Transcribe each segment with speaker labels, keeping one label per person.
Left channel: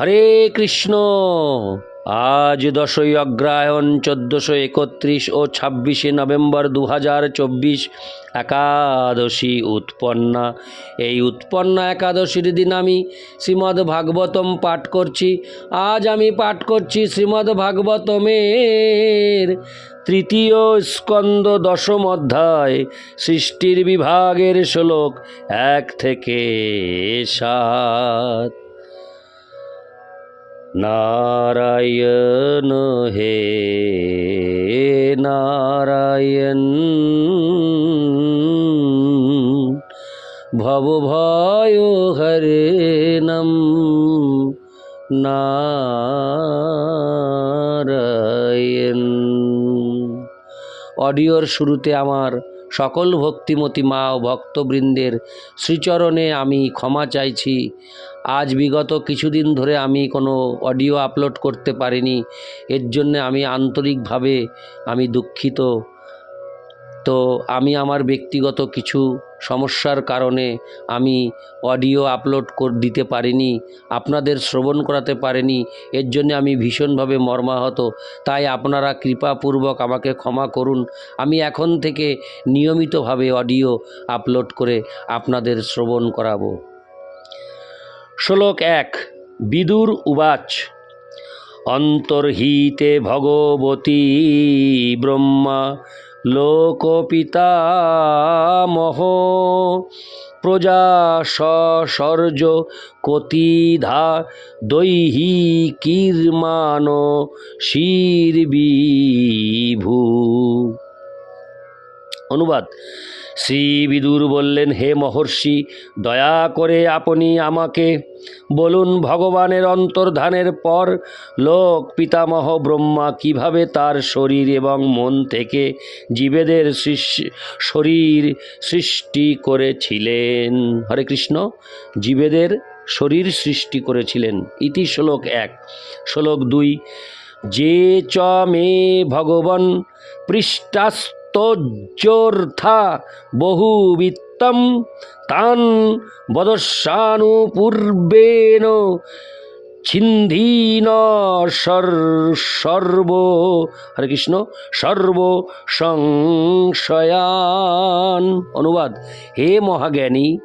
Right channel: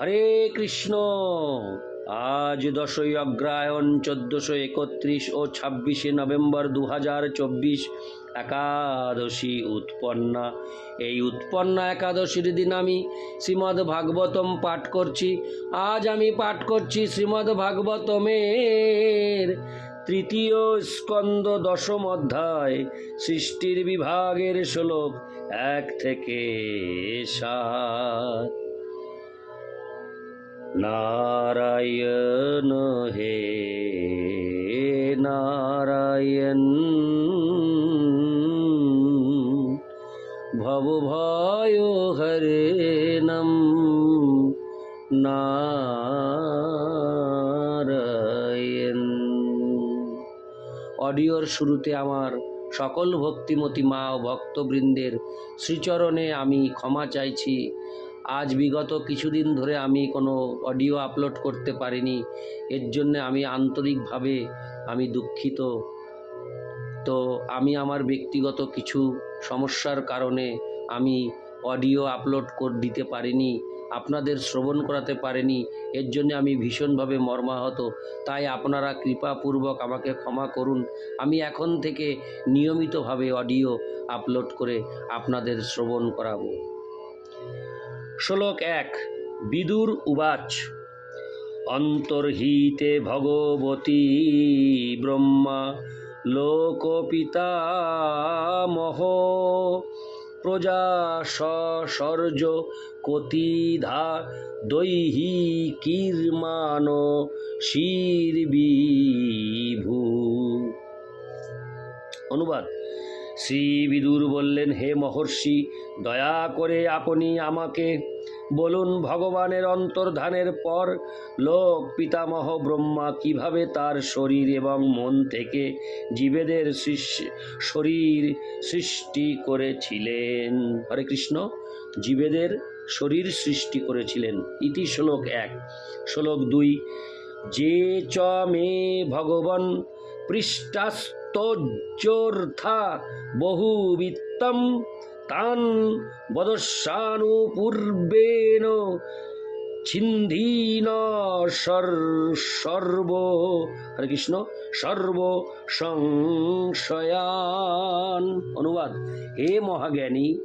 Speaker 1: হরে কৃষ্ণ। আজ দশই অগ্রায়ণ, চোদ্দশো একত্রিশ ও ছাব্বিশে নভেম্বর দু হাজার চব্বিশ একাদশী উৎপন্না। এই উৎপন্না একাদশীর দিন আমি শ্রীমদ্ ভাগবতম পাঠ করছি। আজ আমি পাঠ করছি শ্রীমদ্ ভাগবতমের তৃতীয় স্কন্দ দশম অধ্যায়, সৃষ্টির বিভাগের শ্লোক এক থেকে সাত। নারায়ণ হে নারায়ণ। ভব ভয় হরে নম নারায়ণ। অডিওর শুরুতে আমার সকল ভক্তিমতী মা ও ভক্তবৃন্দের শ্রীচরণে আমি ক্ষমা চাইছি। আজ বিগত কিছুদিন ধরে আমি কোনো অডিও আপলোড করতে পারিনি। এর জন্য আমি আন্তরিকভাবে আমি দুঃখিত। তো আমি আমার ব্যক্তিগত কিছু সমস্যার কারণে আমি অডিও আপলোড কর দিতে পারিনি, আপনাদের শ্রবণ করাতে পারিনি। এর জন্য আমি ভীষণভাবে মর্মাহত। তাই আপনারা কৃপাপূর্বক আমাকে ক্ষমা করুন। আমি এখন থেকে নিয়মিতভাবে অডিও আপলোড করে আপনাদের শ্রবণ করাবো। শ্লোক এক বিদুর উবাচ। অন্তর্হিতে ভগবতী ব্রহ্মা লোকপিতামহ প্রজা সর্জ কতিধা দৈহিকীর্মান শিরবিভূ। অনুবাদ। শ্রী বিদুর বললেন, হে মহর্ষি, দয়া করে আপনি আমাকে বলুন ভগবানের অন্তর্ধানের পর লোক পিতামহ ব্রহ্মা কীভাবে তার শরীর এবং মন থেকে জীবেদের শরীর সৃষ্টি করেছিলেন? হরে কৃষ্ণ, জীবেদের শরীর সৃষ্টি করেছিলেন। ইতি শ্লোক এক। শ্লোক দুই, যে চ মে ভগবান পৃষ্টাস্তোর্থা বহুবিত্তম তান বদস্যানুপূর্বেণ ছিন্দীন সর- সর্ব, হরে কৃষ্ণ, সর্ব সংশয়ান। অনুবাদ, হে মহাজ্ঞানী,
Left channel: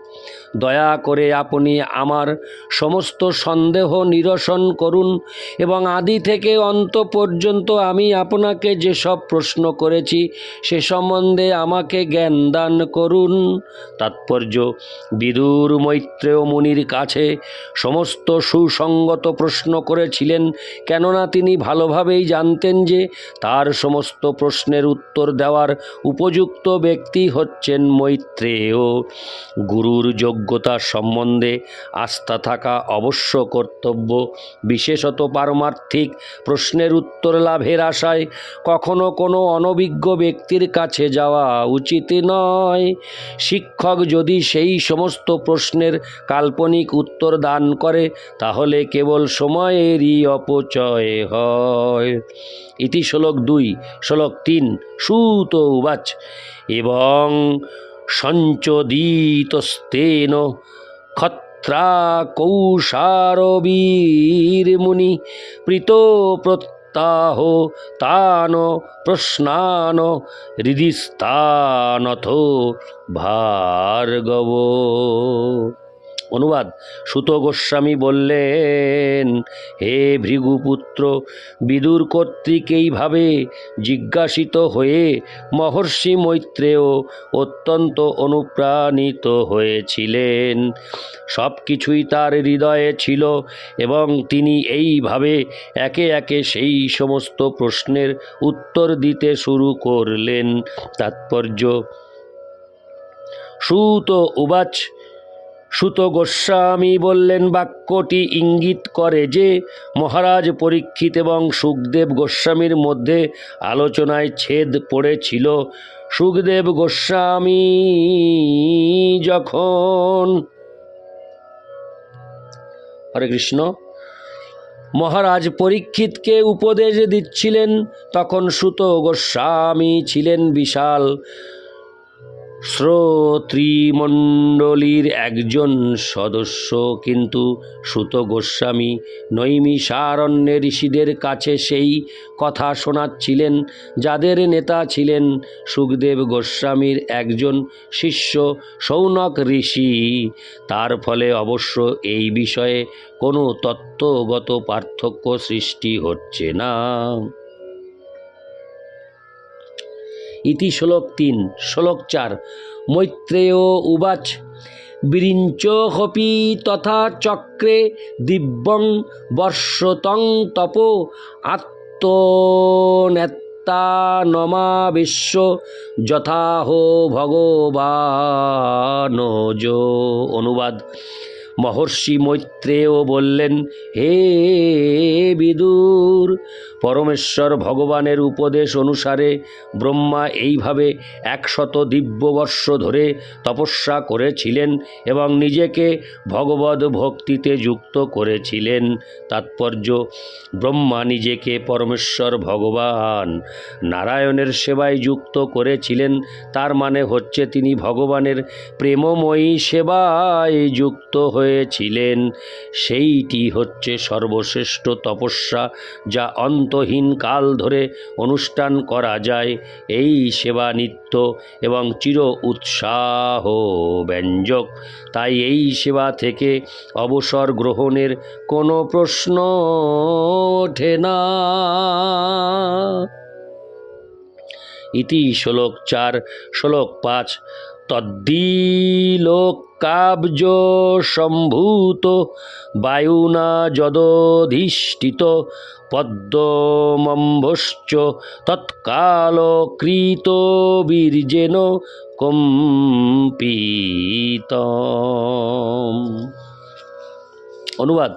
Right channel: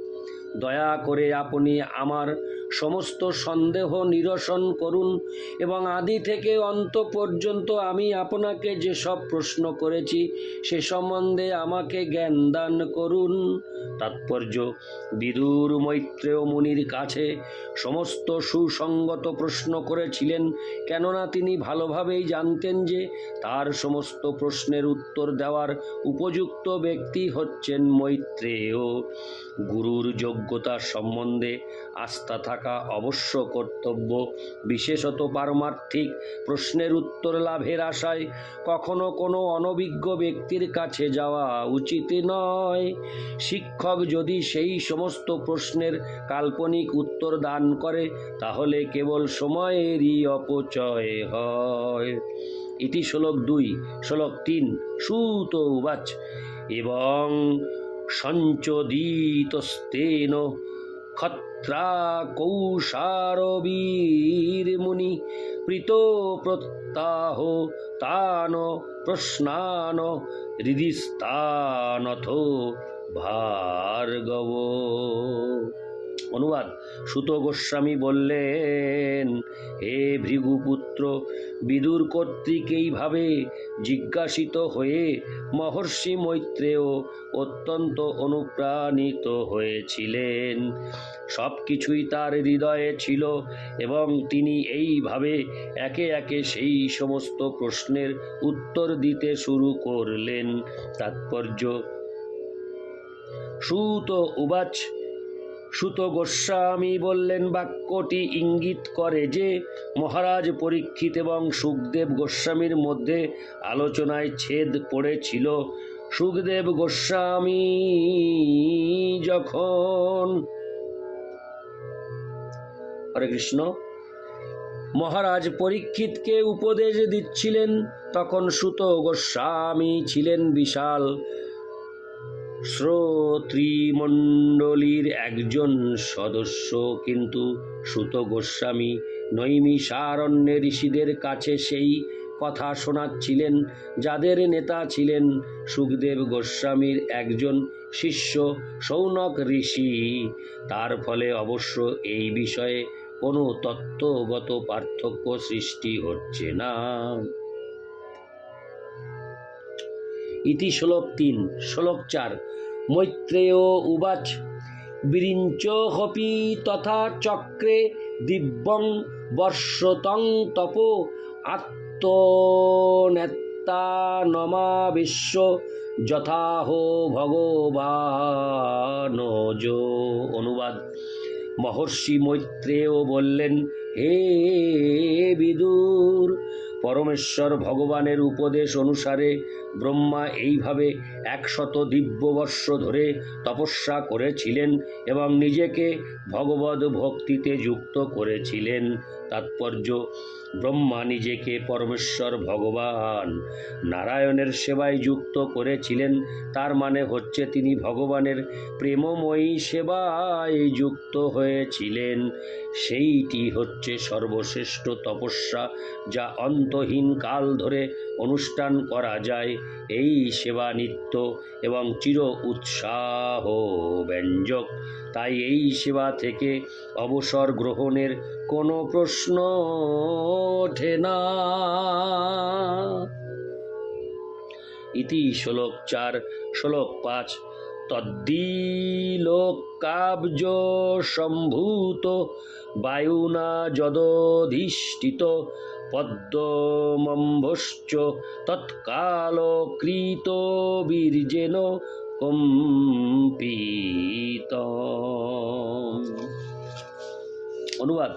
Speaker 1: দয়া করে আপনি আমার সমস্ত সন্দেহ নিরসন করুন এবং আদি থেকে অন্ত পর্যন্ত আমি আপনাকে যেসব প্রশ্ন করেছি সে সম্বন্ধে আমাকে জ্ঞান দান করুন। তাৎপর্য, বিদুর মৈত্রেয় মুনির কাছে সমস্ত সুসঙ্গত প্রশ্ন করেছিলেন, কেননা তিনি ভালোভাবেই জানতেন যে তার সমস্ত প্রশ্নের উত্তর দেওয়ার উপযুক্ত ব্যক্তি হচ্ছেন মৈত্রেয়। গুরুর যোগ্যতা সম্বন্ধে আস্থা থাকা অবশ্য কর্তব্য, বিশেষত পারমার্থিক প্রশ্নের উত্তর লাভের আশায় কখনো কোনো অনভিজ্ঞ ব্যক্তির কাছে যাওয়া উচিত নয়। শিক্ষক যদি সেই সমস্ত প্রশ্নের কাল্পনিক উত্তর দান করে, তাহলে কেবল সময়েরই অপচয় হয়। ইতি শ্লোক দুই, শ্লোক তিন, সুত উবাচ। এবং সঞ্চোদিতস্তেন ক্ষত্রা কৌশারবীরমুনি প্রীত প্রত্যাহ তান প্রশ্নান হৃদিস্তানথ ভার্গব। অনুবাদ। সুত গোস্বামী বললেন, হে ভৃগুপুত্র, বিদুর কর্তৃক এইভাবে জিজ্ঞাসিত হয়ে মহর্ষি মৈত্রেয় অত্যন্ত অনুপ্রাণিত হয়েছিলেন। সব কিছুই তার হৃদয়ে ছিল এবং তিনি এইভাবে একে একে সেই সমস্ত প্রশ্নের উত্তর দিতে শুরু করলেন। তাৎপর্য, সুত উবাচ সুত গোস্বামী বললেন, বাক্যটি ইঙ্গিত করে যে, মহারাজ পরীক্ষিত এবং সুখদেব গোস্বামীর মধ্যে আলোচনায় ছেদ পড়েছিল। সুখদেব গোস্বামী যখন হরে কৃষ্ণ, মহারাজ পরীক্ষিতকে উপদেশ দিচ্ছিলেন, তখন সুত গোস্বামী ছিলেন বিশাল। শ্রোতৃমণ্ডলীর একজন সদস্য কিন্তু সুত গোস্বামী নৈমিষারণ্যে ঋষিদের কাছে সেই কথা শোনাচ্ছিলেন, যাদের নেতা ছিলেন সুখদেব গোস্বামীর একজন শিষ্য সৌনক ঋষি। তার ফলে অবশ্য এই বিষয়ে কোনো তত্ত্বগত পার্থক্য সৃষ্টি হচ্ছে না। ইতি শ্লোক তিন, শ্লোক চার, মৈত্রেয় উবাচ, বিরিঞ্চহপি তথা চক্রে দিব্যং বর্ষতং তপ আত্মনেত্তানমাবিশ্ব যথাহ ভগবানজ অনুবাদ। মহর্ষি মৈত্রেয় বললেন, হে বিদুর পরমেশ্বর ভগবানের উপদেশ অনুসারে ব্রহ্মা এইভাবে একশত দিব্যবর্ষ ধরে তপস্যা করেছিলেন এবং নিজেকে ভগবত ভক্তিতে যুক্ত করেছিলেন। তাৎপর্য, ব্রহ্মা নিজেকে পরমেশ্বর ভগবান। নারায়ণের সেবায় যুক্ত করেছিলেন, তার মানে হচ্ছে তিনি ভগবানের প্রেমময়ী সেবায় যুক্ত হয়েছিলেন। সেইটি হচ্ছে সর্বশ্রেষ্ঠ তপস্যা, যা অন্তহীন কাল ধরে অনুষ্ঠান করা যায়, এই সেবা নিত্য এবং চির উৎসাহ ব্যঞ্জক। তাই এই সেবা থেকে অবসর গ্রহণের কোনো প্রশ্ন ওঠে না। ইতি শ্লোক চার, শ্লোক পাঁচ তদ্দিলোকাব্জ সম্ভূত বায়ুনা যদধিষ্ঠিত পদ্মমম্ভশ্চ তৎকাল কৃত বীর্যেন কম্পিত অনুবাদ।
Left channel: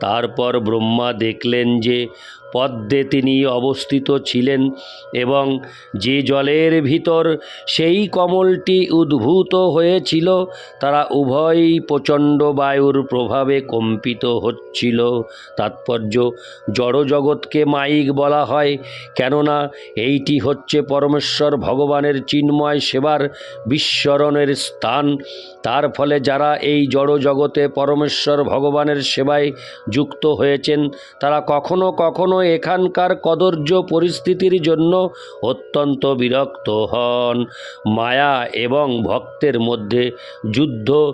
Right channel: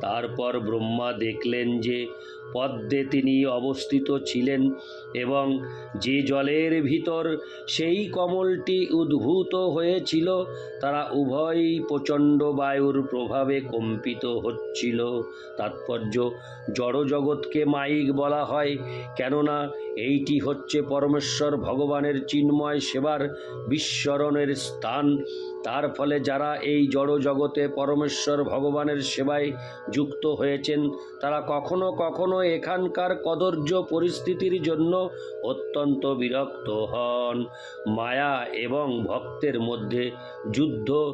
Speaker 1: তারপর ব্রহ্মা দেখলেন যে পদ্মে তিনি অবস্থিত ছিলেন এবং যে জলের ভিতর সেই কমলটি উদ্ভূত হয়েছিল, তারা উভয়ই প্রচণ্ড বায়ুর প্রভাবে কম্পিত হচ্ছিল। তাৎপর্য, জড়জগৎকে মাইক বলা হয়, কেননা এইটি হচ্ছে পরমেশ্বর ভগবানের চিন্ময় সেবার বিস্মরণের স্থান। তার ফলে যারা এই জড়জগতে পরমেশ্বর ভগবানের সেবায় যুক্ত হয়েছেন, তারা কখনো কখনো এখানকার কদর্য পরিস্থিতির জন্য অত্যন্ত বিরক্ত হন। মায়া এবং ভক্তের মধ্যে যুদ্ধ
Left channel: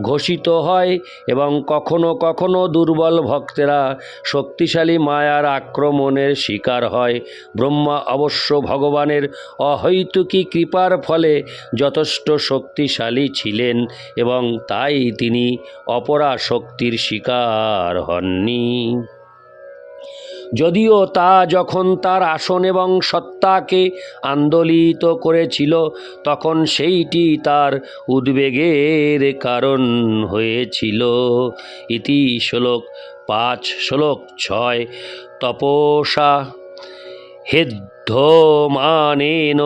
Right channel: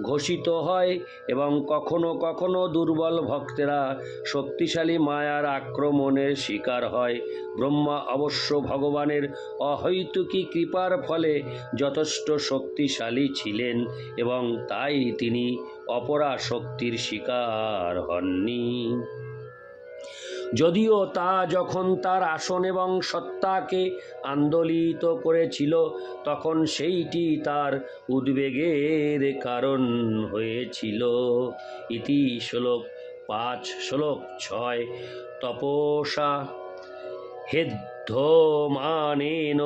Speaker 1: ঘোষিত হয় এবং কখনো কখনো দুর্বল ভক্তেরা শক্তিশালী মায়ার আক্রমণের শিকার হয়। ব্রহ্মা অবশ্য ভগবানের অহৈতুকী কৃপার ফলে যথেষ্ট শক্তিশালী ছিলেন এবং তাই তিনি অপরা শক্তির শিকার হননি। যদিও তা যখন তার আসন এবং সত্তাকে আন্দোলিত করেছিল, তখন সেইটি তার উদ্বেগের কারণ হয়েছিল। ইতি শ্লোক পাঁচ, শ্লোক ছয় তপসা হেদ্ধমানেন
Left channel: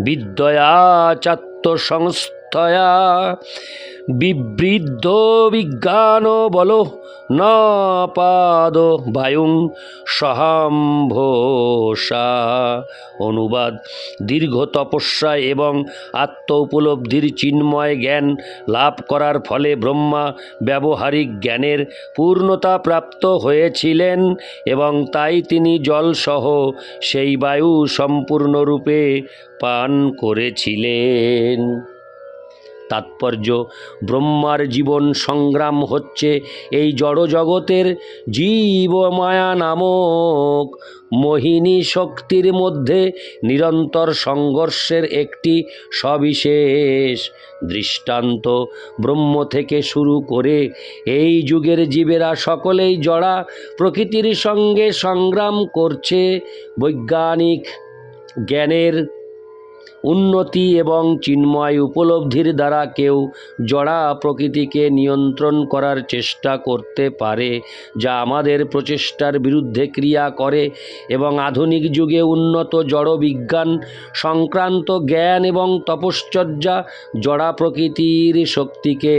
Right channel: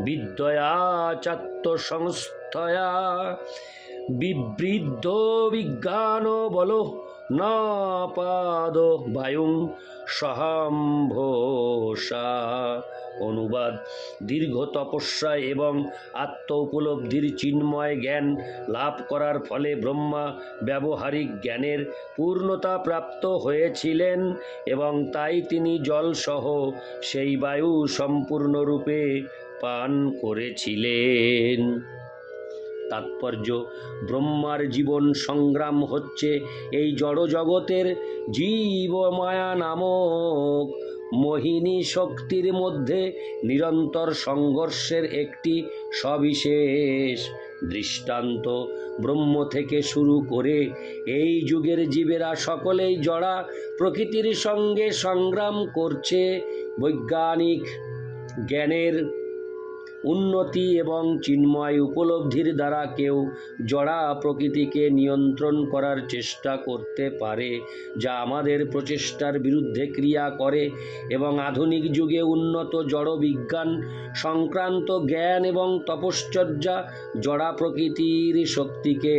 Speaker 1: বিদ্যয়া চাত্মসংস্থয়া বিবৃদ্ধ বিজ্ঞান বল ন পাদ বায়ুং সহাম্ভোষা অনুবাদ, দীর্ঘ তপস্যা এবং আত্ম উপলব্ধির চিন্ময় জ্ঞান লাভ করার ফলে ব্রহ্মা ব্যবহারিক জ্ঞানের পূর্ণতা প্রাপ্ত হয়েছিলেন এবং তাই তিনি জলসহ সেই বায়ু সম্পূর্ণরূপে পান করেছিলেন। তাৎপর্য। ব্রহ্মার জীবন সংগ্রাম হচ্ছে এই জড়জগতের জীব মায়া নামক। মোহিনী শক্তির মধ্যে নিরন্তর সংঘর্ষের একটি সবিশেষ দৃষ্টান্ত ব্রহ্ম থেকে শুরু করে এই যুগের জীবেরা সকলেই জড়া প্রকৃতির সঙ্গে সংগ্রাম করছে। বৈজ্ঞানিক জ্ঞানের উন্নতি এবং চিন্ময় উপলব্ধির দ্বারা কেউ জড়া প্রকৃতিকে নিয়ন্ত্রণ করার চেষ্টা করতে পারে, যা আমাদের প্রচেষ্টার বিরুদ্ধে ক্রিয়া করে এবং আধুনিক যুগে উন্নত জড় বিজ্ঞান, সংক্রান্ত জ্ঞান এবং তপশ্চর্যা জড়া প্রকৃতির শক্তিকে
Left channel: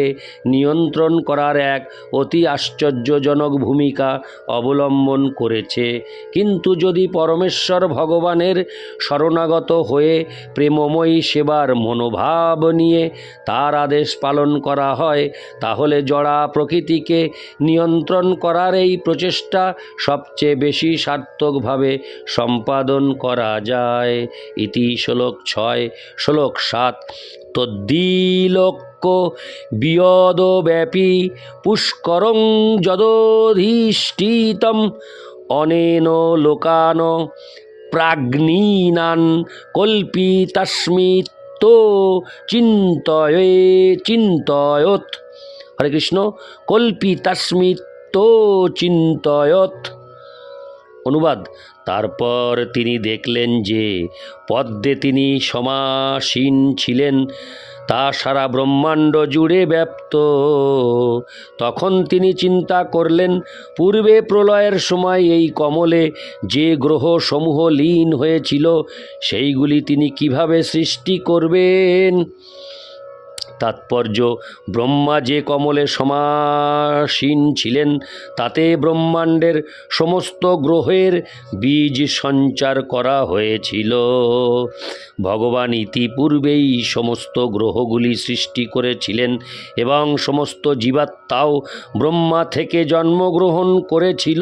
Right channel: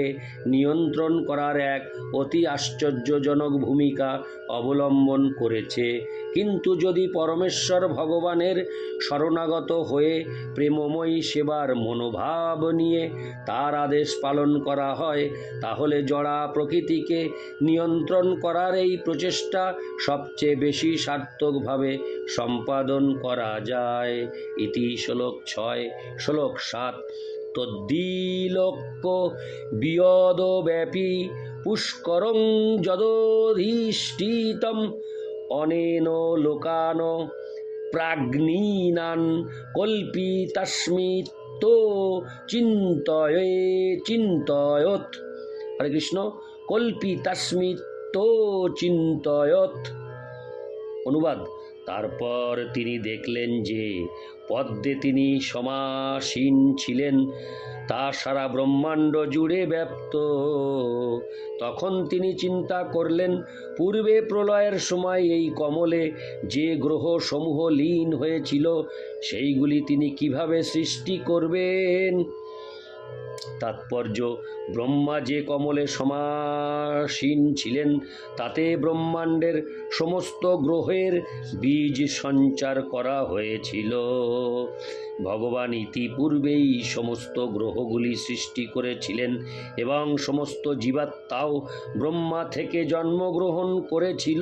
Speaker 1: নিয়ন্ত্রণ করার এক অতি আশ্চর্যজনক ভূমিকা অবলম্বন করেছে। কিন্তু যদি পরমেশ্বর ভগবানের শরণাগত হয়ে প্রেম প্রেমময়ী সেবার মনোভাব নিয়ে তার আদেশ পালন করা হয়, তাহলে জড়া প্রকৃতিকে নিয়ন্ত্রণ করার এই প্রচেষ্টা সবচেয়ে বেশি সার্থকভাবে সম্পাদন করা যায়। ইতি শ্লোক ছয়, শ্লোক সাত তদ্দিলোক্য বিয়দব্যাপী পুষ্করং যদধিষ্ঠিতম অনেন লোকান প্রাজ্ঞীনান কল্পিতাস্মিত চিন্তয়ে চিন্তয়ত হরে কৃষ্ণ কল্পি তস্মিত চিন্তয়ত অনুবাদ তারপর তিনি দেখলেন যে পদ্মে তিনি সমাসীন ছিলেন। তা সারা ব্রহ্মাণ্ড জুড়ে ব্যপ্ত। তখন তিনি চিন্তা করলেন, পূর্বে প্রলয়ের সময় এই কমলে যে গ্রহ সমূহ লীন হয়েছিল, সেইগুলি তিনি কীভাবে সৃষ্টি করবেন? তাৎপর্য, ব্রহ্মা যে কমলে সমাসীন ছিলেন, তাতে ব্রহ্মাণ্ডের সমস্ত গ্রহের বীজ সঞ্চার করা হয়েছিল। ভগবান ইতিপূর্বেই সমস্ত গ্রহগুলি সৃষ্টি করেছিলেন এবং সমস্ত জীবাত্মাও ব্রহ্মা থেকে জন্মগ্রহণ করেছিল।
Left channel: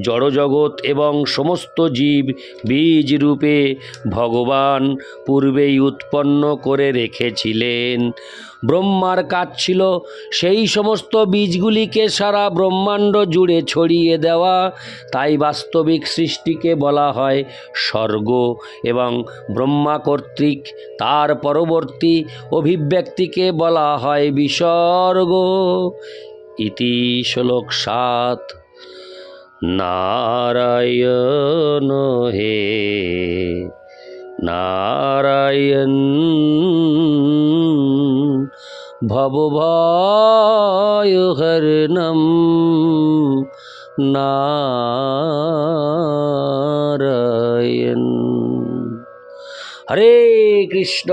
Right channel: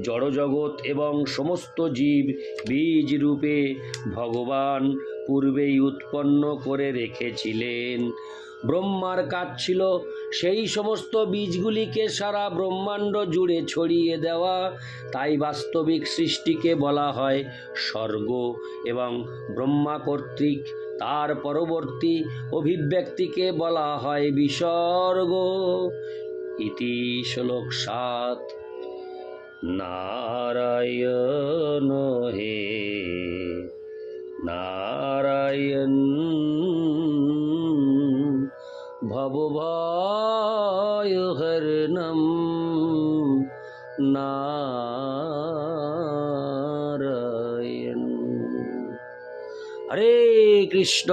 Speaker 1: জড়জগৎ এবং সমস্ত জীব বীজ রূপে ভগবান পূর্বেই উৎপন্ন করে রেখেছিলেন ব্রহ্মার কাজ ছিল সেই সমস্ত বীজগুলিকে সারা ব্রহ্মাণ্ড জুড়ে ছড়িয়ে দেওয়া। তাই বাস্তবিক সৃষ্টিকে বলা হয় স্বর্গ এবং ব্রহ্মা কর্তৃক তার পরবর্তী অভিব্যক্তিকে বলা হয় বিসর্গ। ইতি শ্লোক সাত। নারায়ণ হে, নারায়ণ ভবভয় হরণম নারায়ণ। হরে কৃষ্ণ।